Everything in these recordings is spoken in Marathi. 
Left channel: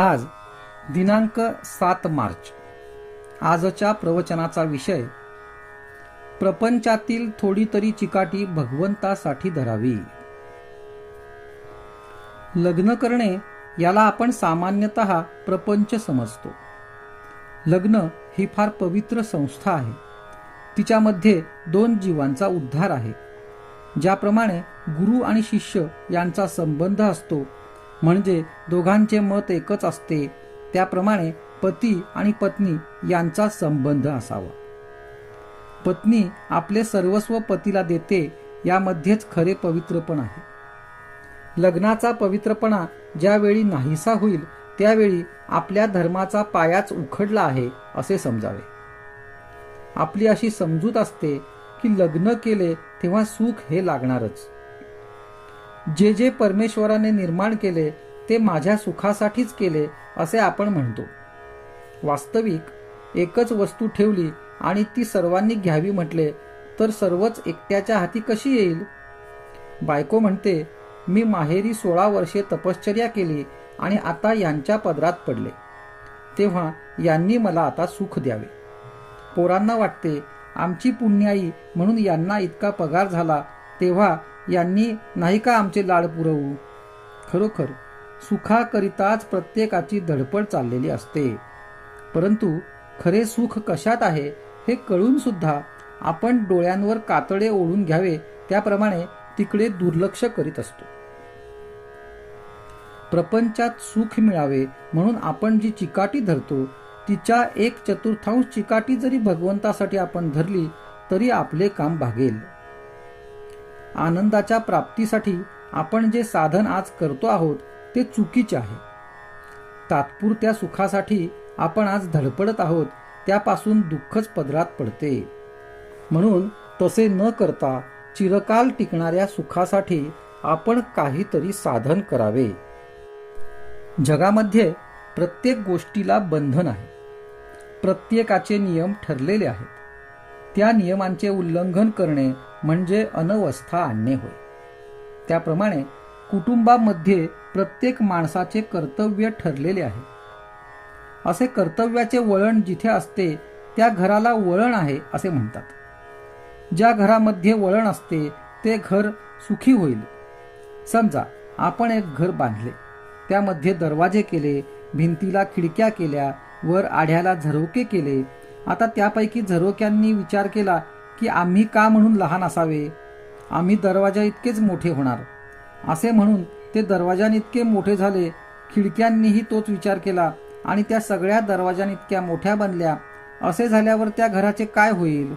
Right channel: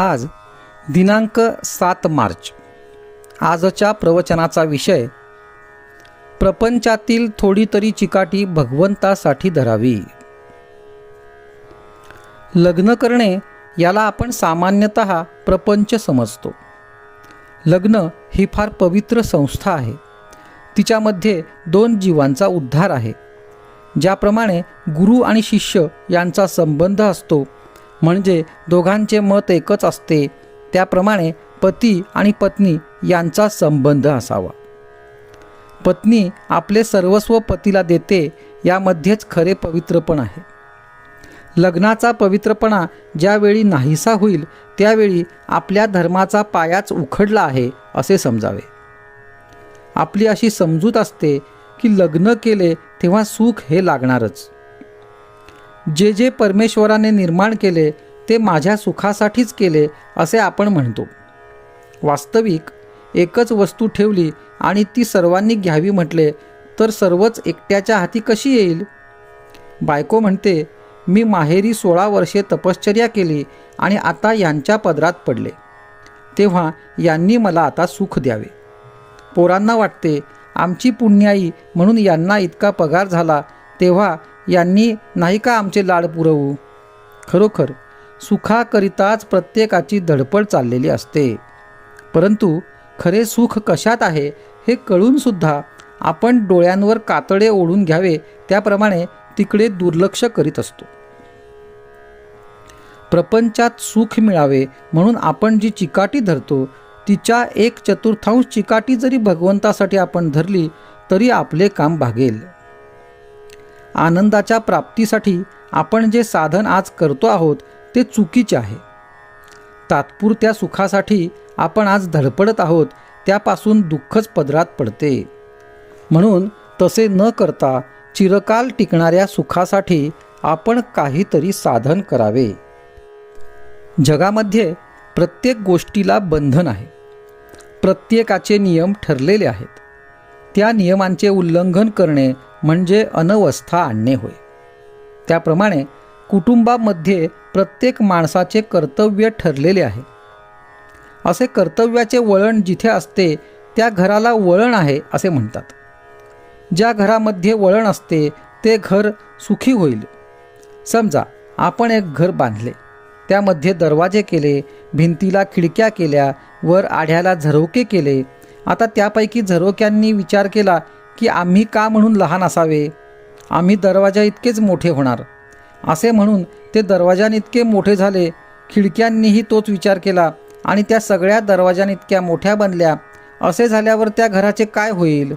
आज दिनांक सात मार्च आजच्या प्रवचनाचा विषय प्रपंचातील थोडी तरी चिकाटी भगवंतासाठी धरावी लग्न करणे याला आपण सामान्यत प्रपंच समजतो लग्न ही फार पवित्र संस्था आहे तिच्यामध्ये दोन जीवांचा उद्धार आहे ज्याप्रमाणे गुरु आणि शिष्य यांचा संबंध असतो म्हणजे दोघांचे मत एकच असते त्याप्रमाणे पती आणि पत्नी यांचा संबंध असावा पत्नी आपले सर्वस्व पतीला देते यामध्येच खरे पवित्रपण आहे लग्नाचा पवित्रपणा ज्यावेळी नाहीसा होईल त्यावेळी आपल्या धर्माचा पायाच उखडला आहे असे समजावे आपली अशी समजूत असते की लग्न केले तेव्हा सुख हे लागणारच जे जे परमेश्वराने निर्माण केले ते माझ्या सुखासाठीच केले असे आपण म्हणतो वास्तविक एकच वस्तू ठेवली आणि ती सर्वांनी घ्यावी म्हटले तर सर्वच एकट्याच्या हाती कशी येईल बायको म्हणते मी माहेरी सोळा वर्षे तपश्चर्या केली आणि आता यांच्या पदरात पडले तेव्हा यांनी मला आता सुख द्यावे पोरांना वाटते आमची पुण्याई म्हणून यांना इतका पगार झाला तेव्हा यांनी नाही का आमचे लाड पुरवू खरोखर सुखाकरिताच प्रत्येकाची धडपड चाललेली असते परंतु खरे सुख कशात आहे हे कळूनसुद्धा आपण डोळ्यांवर कातडे ओढून घ्यावे त्याप्रमाणे तिकडे दुर्लक्ष करीत असतो प्रपंचात सुख मिळावे म्हणून आपण जी चिकाटी धरतो तिच्या एक चतुर्थांश चिकाटी जरी भगवंतासाठी आपण धरली तरी आपले काम भागेल आनंदाच्या प्राप्तीसाठी आपण जे साधन आज करतो आहोत ते चुकीचे आहे तात्पुरत्या सुखासाठी आपण आज धडपडत आहोत त्यापासून दुःखच पदरात पडते म्हणून तसे न करता चिरकाल टिकणाऱ्या सुखासाठी आपण काहीतरी साधन करावे जगामध्ये प्रत्येक गोष्टीला बंधन आहे प्रत्येकाचे नियम ठरलेले आहेत त्या नियमांचे उल्लंघन करणे म्हणजे अनवस्था आणणे होय त्याप्रमाणे कुटुंबामध्ये प्रत्येक माणसाचे कर्तव्य ठरलेले आहे असे कर्तव्याचे वळण जिथे असते त्या घराला वळण आहे असे म्हणतात ज्या घरामध्ये वळण असते ते घर सुखी होईल समजा आपण एक घर बांधले त्यामध्ये दरवाजे केले भिंतीला खिडक्या केल्या वर आढ्याला झरोके केले आता त्यापैकी झरोक्यांनी विचार केला की आम्ही का म्हणून लहान असावे आम्ही दरवाजा इतकेच मोठे होणार असे म्हणून ते दरवाजान इतके मोठे झाले खिडक्यांनीही तोच विचार केला आणि त्या सगळ्या दरवाजान इतक्या मोठ्या बनल्या असे झाल्यावर त्या घराचे काय होईल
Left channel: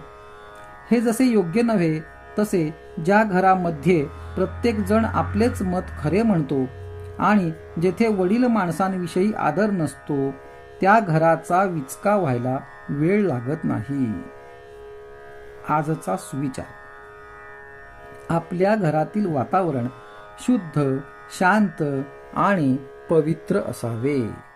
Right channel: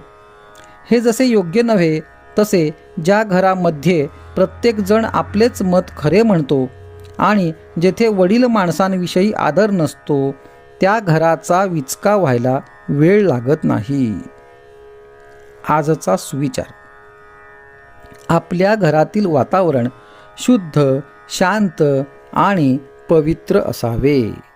हे जसे योग्य नव्हे तसे ज्या घरामध्ये प्रत्येकजण आपलेच मत खरे म्हणतो आणि जेथे वडील माणसांविषयी आदर नसतो त्या घराचा विचका व्हायला वेळ लागत नाही आजचा सुविचार आपल्या घरातील वातावरण शुद्ध शांत आणि पवित्र असावे